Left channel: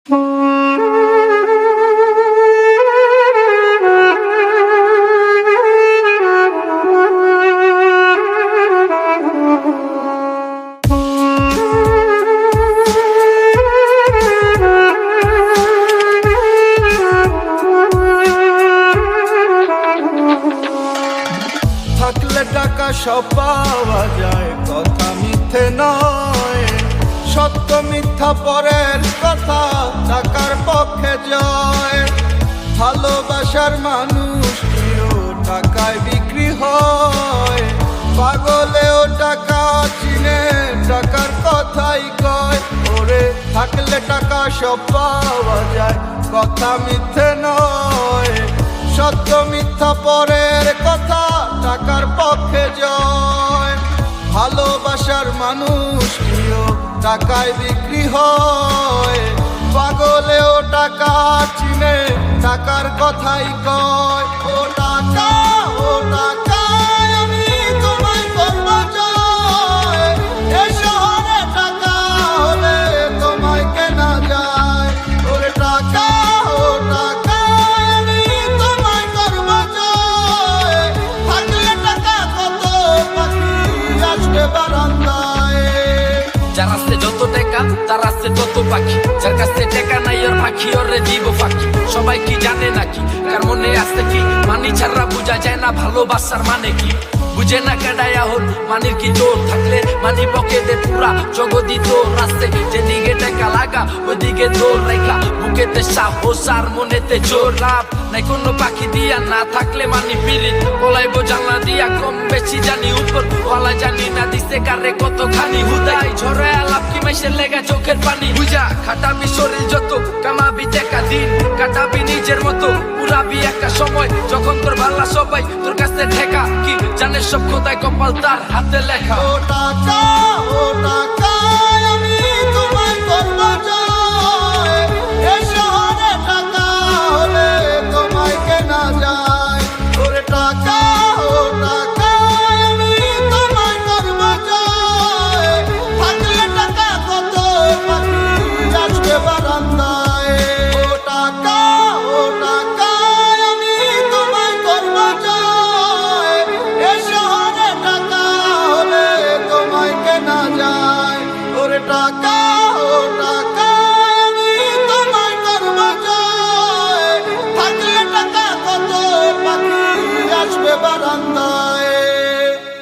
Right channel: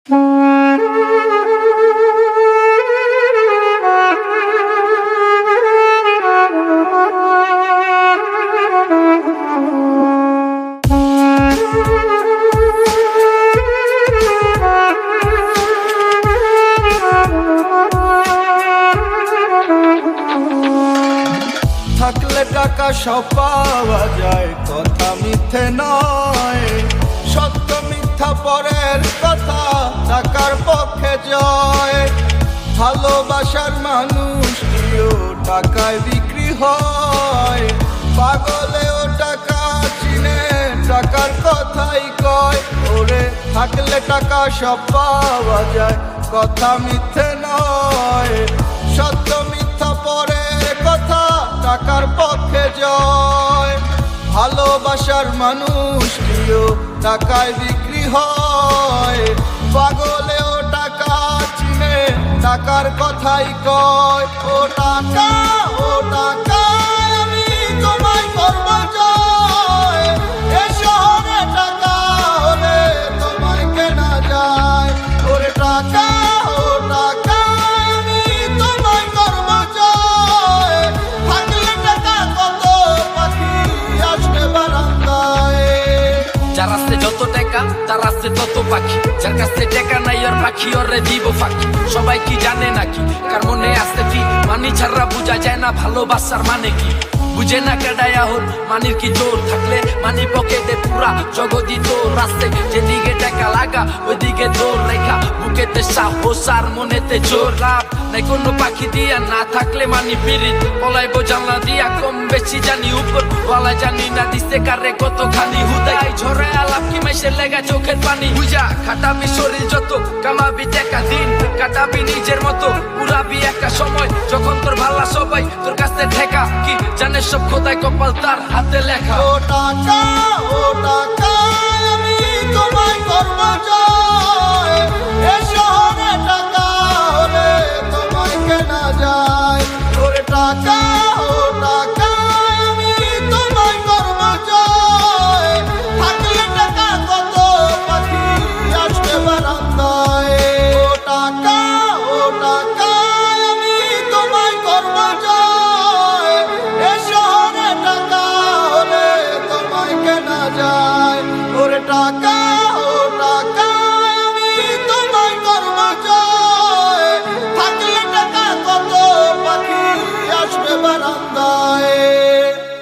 থাকলে টাকা সব পাওয়া যায়, কথা মিথ্যে নয়। সত্য মিথ্যা পরের কথা, টাকার পক্ষে জয়। ভালোবাসার মানুষটিও টাকায় বিক্রি হয়। পাগলেও টাকা চিনে, টাকার কথাই কয়। ওরে থাকলে টাকা সব পাওয়া যায়, কথা মিথ্যে নয়। সত্য মিথ্যা পরের কথা, টাকার পক্ষে জয়। ভালোবাসার মানুষটিও টাকায় বিক্রি হয়। পাগলেও টাকা চিনে, টাকার কথাই কয়। ও টাকা, ও টাকা, আমি তোমায় করব জয়। এ শহরে টাকা হলে তোমায় কেনা যায়। ওরে টাকা, ও টাকা, যার আসতে যত টাকা তার আসতে তত পাখি। যার কাছে টাকা নাই ওর পাখি ওরে দিব ফাঁকি। সবাই কি জানে নাকি কার মনে আসতে কি মানি ছাড়া বোঝা যায় না ভালোবাসার মানে কি। বুঝে না কেডায় হন মানির কি জোর থাকলে মানি পকেটে পুরা জগদি তোর। রাস্তে যেদিকে টাকা লাগা ওইদিকে দৌড় রেখা, বুকেতে সাহস আর মনেতে জোর। লাভ নাই কোনো পাখি দিয়া, না থাকলে মানি পিরিত পলাইবো জানলা দিয়া। কম বেশি জানি উপর ওয়ালা, জানি না দিতে কারে কতখানি হুদাই। ঝরে আলাপ কি মেশে লেগা চোখের পানি। বুঝা খাটাবি শরীর যত, কামাবি টাকা দিন কাটাবি নিজের মতো। উড়াবি একা সময় যখন তোর ভাল্লা সবাই তোর কাছে ঠেকা। কি জানে সব খোদায় কপাল তার হাতে লেখা। ও টাকা, ও টাকা, আমি তোমায় করব জয়। এ শহরে টাকা হলে তোমায় কেনা যায়। ওরে টাকা, ও টাকা, আমি তোমায় করব জয়। থাকলে টাকা কত পাখি আসবে বারান্দায়। ও টাকা, ও টাকা, আমি তোমায় করব জয়। এ শহরে টাকা হলে তোমায় কেনা যায়। ওরে টাকা, ও টাকা, আমি তোমায় করব জয়। থাকলে টাকা কত পাখি আসবে বারান্দায়।